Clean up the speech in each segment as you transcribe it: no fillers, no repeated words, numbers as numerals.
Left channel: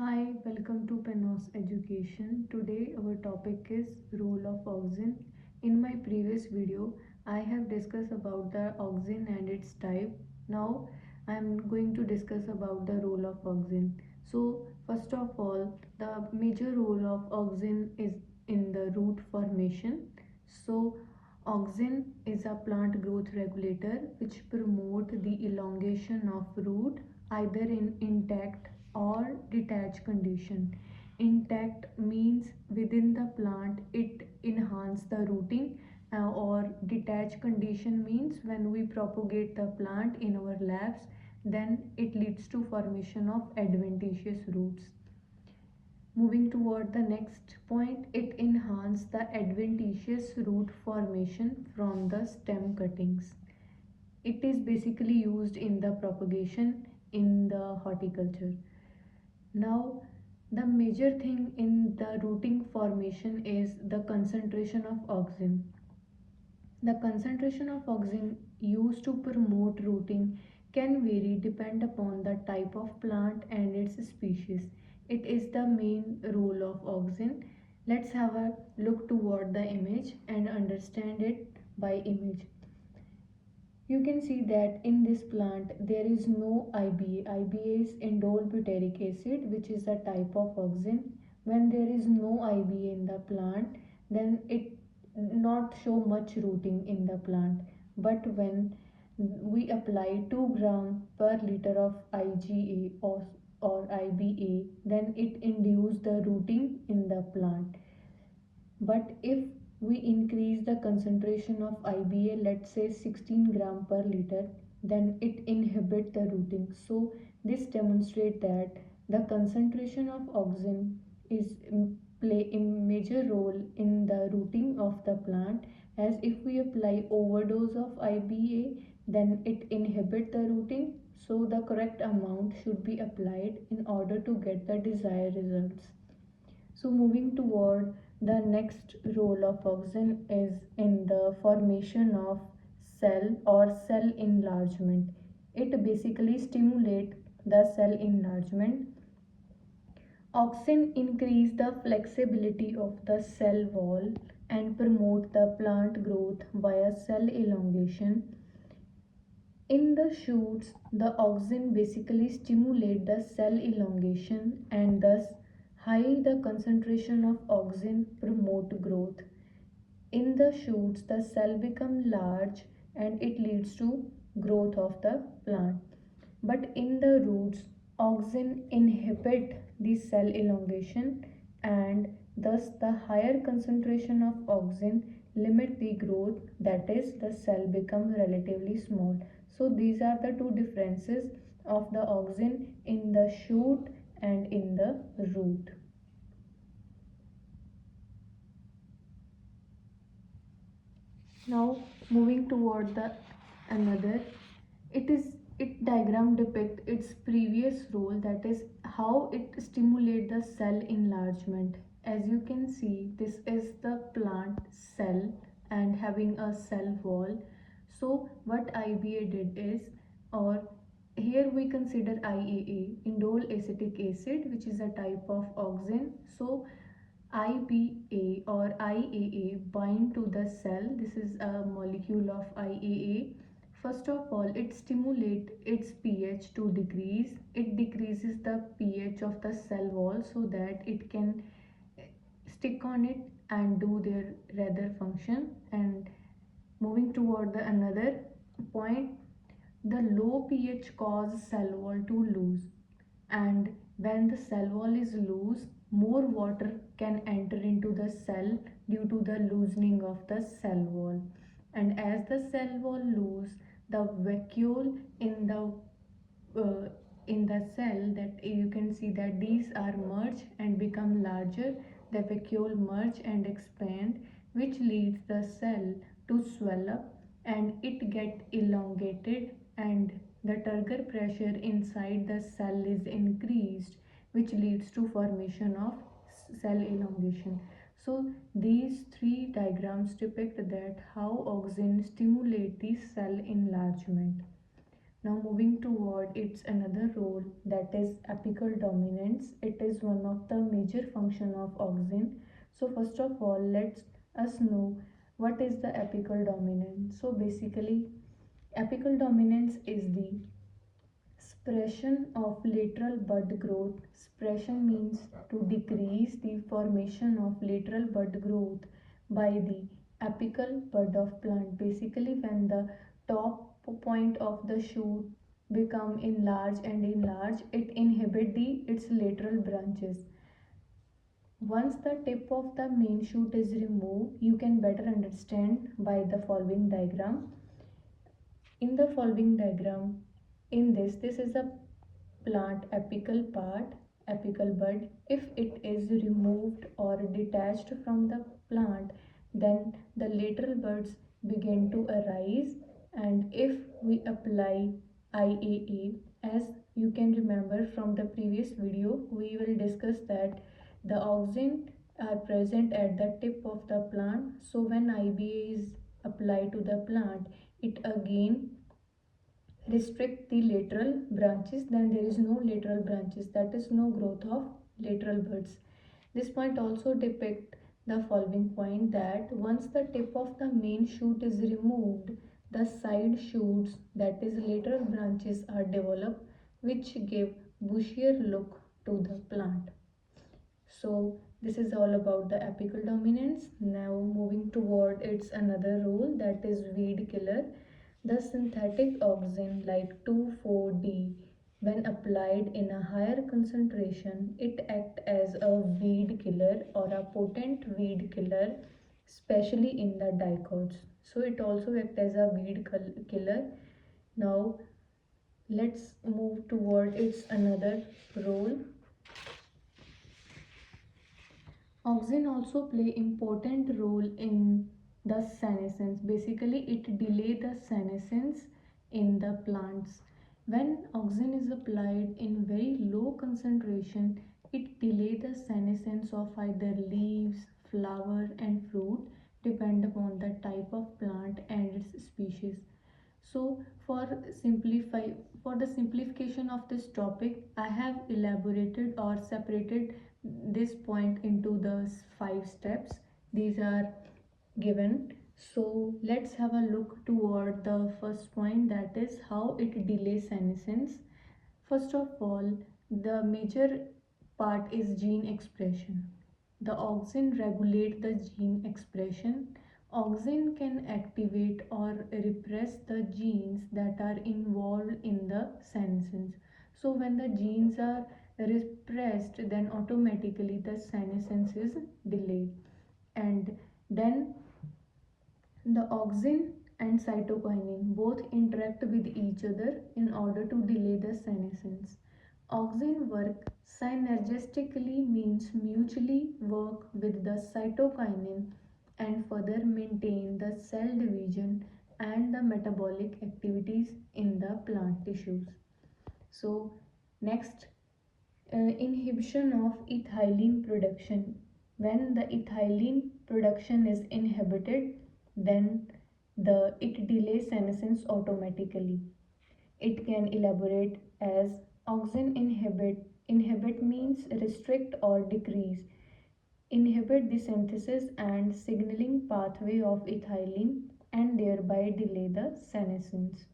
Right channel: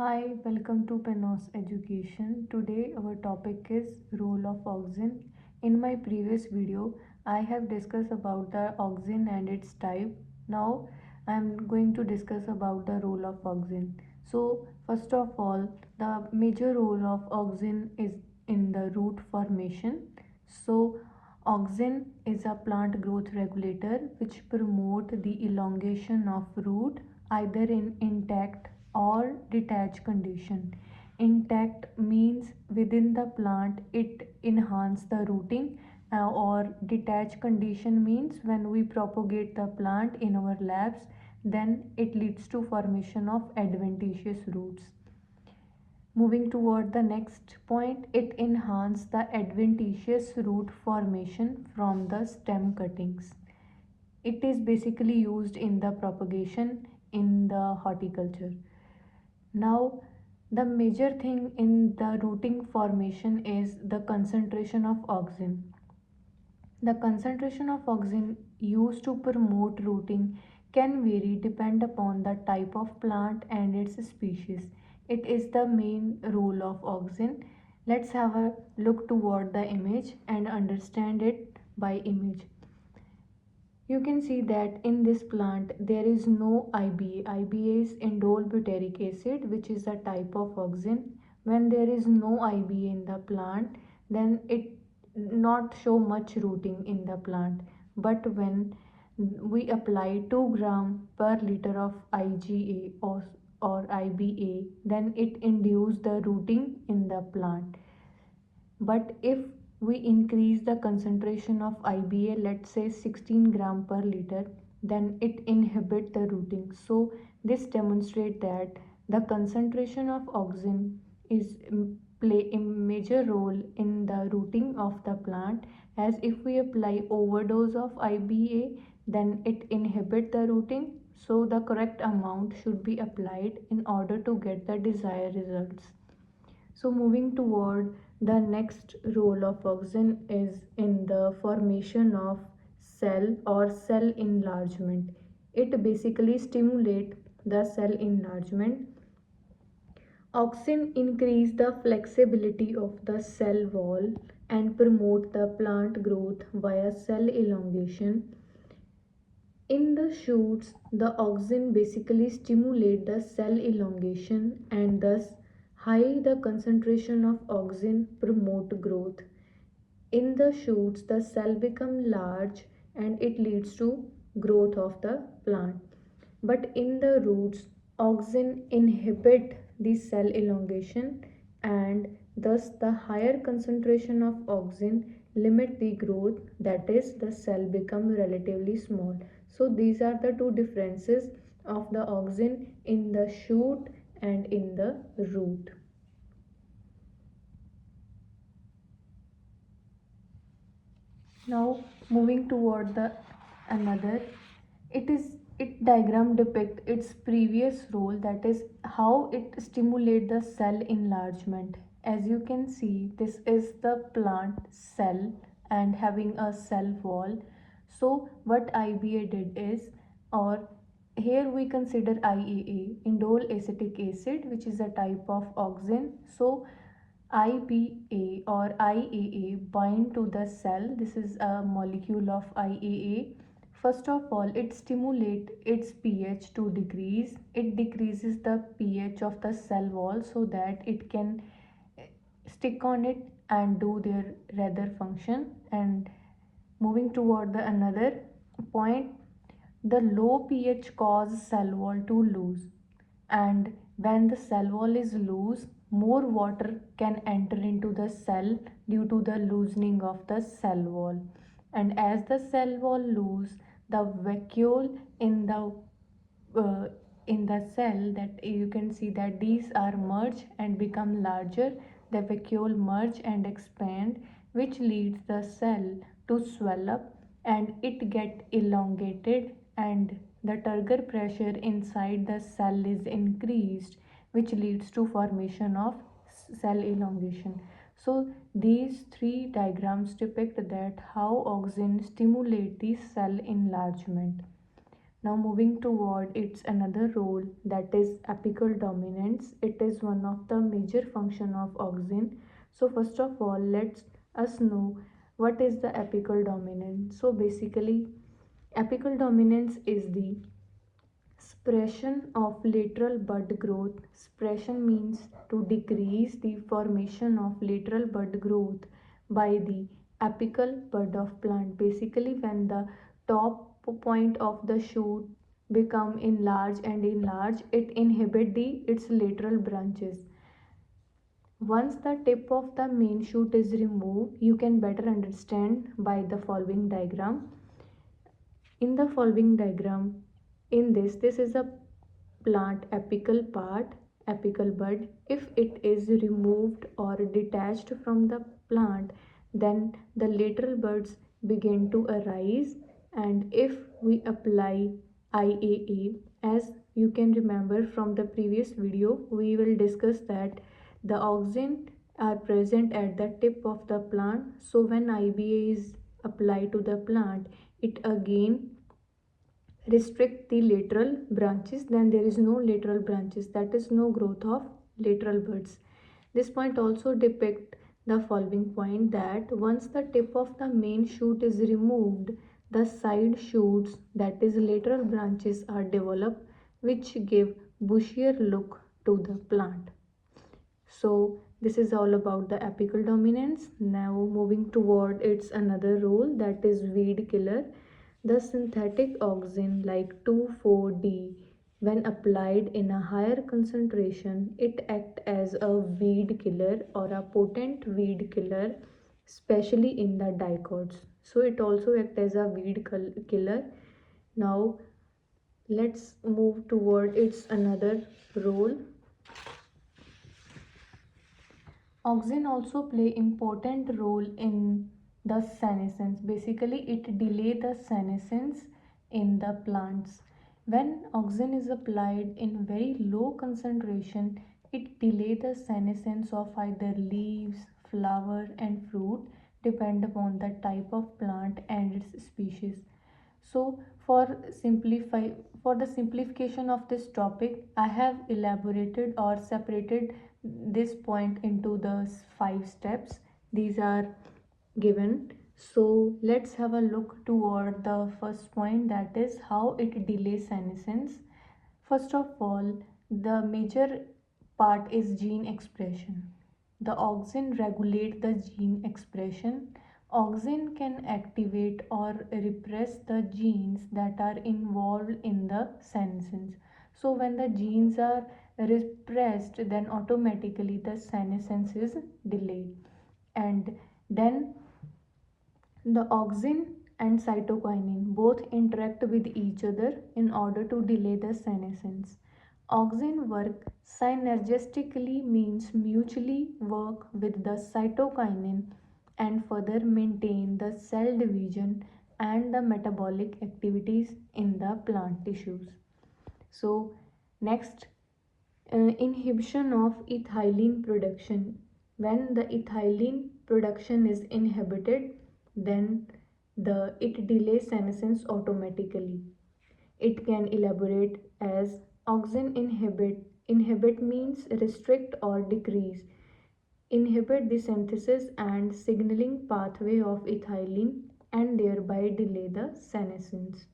Hi, welcome to Penos Education. Today our topic is role of auxin. In my previous video, I have discussed about the auxin and its type. Now I am going to discuss about the role of auxin. So first of all, the major role of auxin is in the root formation. So auxin is a plant growth regulator which promote the elongation of root either in intact or detached condition. Intact means within the plant it enhance the rooting, or detached condition means when we propagate the plant in our labs, then it leads to formation of adventitious roots. Moving toward the next point, it enhances the adventitious root formation from the stem cuttings. It is basically used in the propagation in the horticulture. Now, the major thing in the rooting formation is the concentration of auxin. The concentration of auxin used to promote rooting can vary depend upon the type of plant and its species. It is the main role of auxin. Let's have a look toward the image and understand it by image. You can see that in this plant there is no IBA. IBA is indole butyric acid, which is a type of auxin. When there is no IBA in the plant, then it not show much rooting in the plant. But when we apply 2 gram per liter of IgA or IBA, then it induce the rooting in the plant. But if we increase the concentration of IBA, let's say 16 gram per liter, then it inhibit the rooting. So this demonstrates that the concentration of auxin is play a major role in the rooting of the plant, as if we apply overdose of IBA, then it inhibit the rooting. So the correct amount should be applied in order to get the desired results. So moving toward the next role of auxin is in the formation of cell or cell enlargement. It basically stimulates the cell enlargement. Auxin increase the flexibility of the cell wall and promote the plant growth via cell elongation. In the shoots, the auxin basically stimulate the cell elongation and thus high the concentration of auxin promote growth. In the shoots, the cell become large and it leads to growth of the plant. But in the roots, auxin inhibit the cell elongation and thus the higher concentration of auxin limit the growth, that is the cell become relatively small. So these are the two differences of the auxin in the shoot and in the root. Now moving toward the another, it diagram depict its previous role, that is how it stimulate the cell enlargement. As you can see, this is the plant cell and having a cell wall. So what IBA did is, or here we consider IAA, indole acetic acid, which is a type of auxin. So IBA or IAA bind to the cell. This is a molecule of IAA. First of all, it stimulates its pH to decrease. It decreases the pH of the cell wall so that it can stick on it and do their rather function. And moving toward the another point, the low pH causes cell wall to lose, and when the cell wall is loose, more water can enter into the cell due to the loosening of the cell wall. And as the cell wall loose, the vacuole uh, in the cell, that you can see that these are merge and become larger. The vacuole merge and expand, which leads the cell to swell up and it get elongated, and the turgor pressure inside the cell is increased, which leads to formation of cell elongation. So these three diagrams depict that how auxin stimulate the cell enlargement. Now moving toward its another role, that is apical dominance. It is one of the major function of auxin. So first of all, let's us know what is the apical dominance. So basically, apical dominance is the suppression of lateral bud growth. Suppression means to decrease the formation of lateral bud growth by the apical bud of plant. Basically, when the top point of the shoot become enlarged and enlarged, it inhibit its lateral branches. Once the tip of the main shoot is removed, you can better understand by the following diagram. In the following diagram, this is a plant apical part, apical bud. If it is removed or detached from the plant, then the lateral buds begin to arise. And if we apply IAA, as you can remember from the previous video, we will discuss that the auxin are present at the tip of the plant. So when IBA is applied to the plant, it again restrict the lateral branches, then there is no lateral branches, that is no growth of lateral buds. This point also depict the following point, that once the tip of the main shoot is removed, the side shoots, that is lateral branches, are developed, which give bushier look to the plant. So this is all about the apical dominance. Now moving toward its another role, that is weed killer. The synthetic auxin like 2,4-D, when applied in a higher concentration, it acts as a weed killer or a potent weed killer, especially in the dicots. So it also acts as a weed killer. Now let's move toward its another role. Auxin also play important role in the senescence. Basically, it delay the senescence in the plants. When auxin is applied in very low concentration, it delay the senescence of either leaves, flower and fruit, depend upon the type of plant and its species. So for the simplification of this topic, I have elaborated or separated this point into the 5 steps. These are given. So let's have a look toward the first point, that is how it delays senescence. First of all, the major part is gene expression. The auxin regulate the gene expression. Auxin can activate or repress the genes that are involved in the senescence. So when the genes are repressed, then automatically the senescence is delayed. And then the auxin and cytokinin both interact with each other in order to delay the senescence. Auxin work synergistically means mutually work with the cytokinin and further maintain the cell division and the metabolic activities in the plant tissues. So next, inhibition of ethylene production. When the ethylene production is inhibited, then it delays senescence automatically. It can elaborate as auxin inhibit means restrict or decrease, inhibit the synthesis and signaling pathway of ethylene and thereby delay the senescence.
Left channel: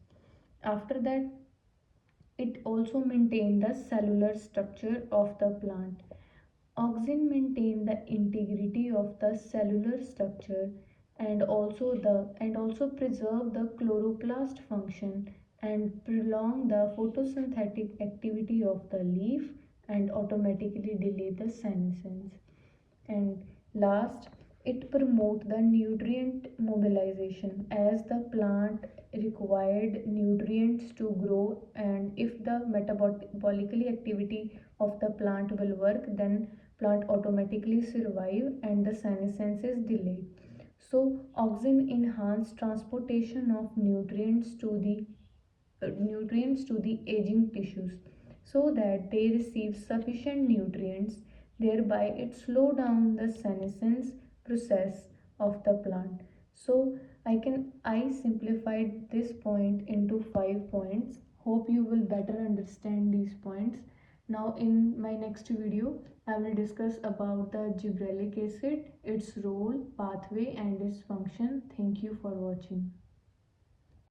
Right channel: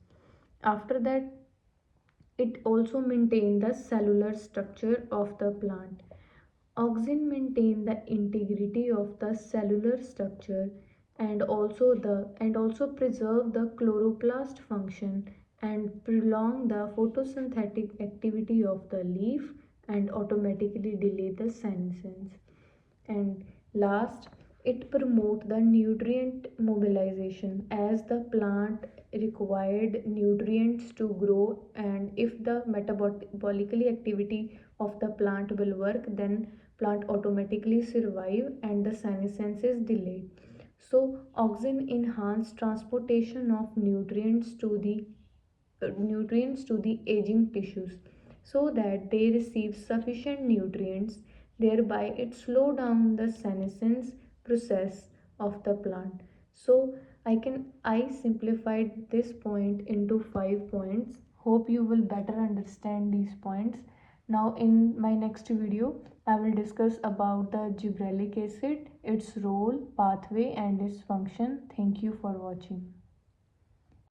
After that, it also maintains the cellular structure of the plant. Auxin maintain the integrity of the cellular structure and also preserve the chloroplast function and prolong the photosynthetic activity of the leaf and automatically delay the senescence. And last, it promote the nutrient mobilization as the plant required nutrients to grow, and if the metabolically activity of the plant will work, then plant automatically survive and the senescence is delayed. So auxin enhance transportation of nutrients to the aging tissues so that they receive sufficient nutrients, thereby it slow down the senescence process of the plant. So I simplified this point into 5 points. Hope you will better understand these points. Now in my next video, I will discuss about the gibberellic acid, its role, pathway and its function. Thank you for watching.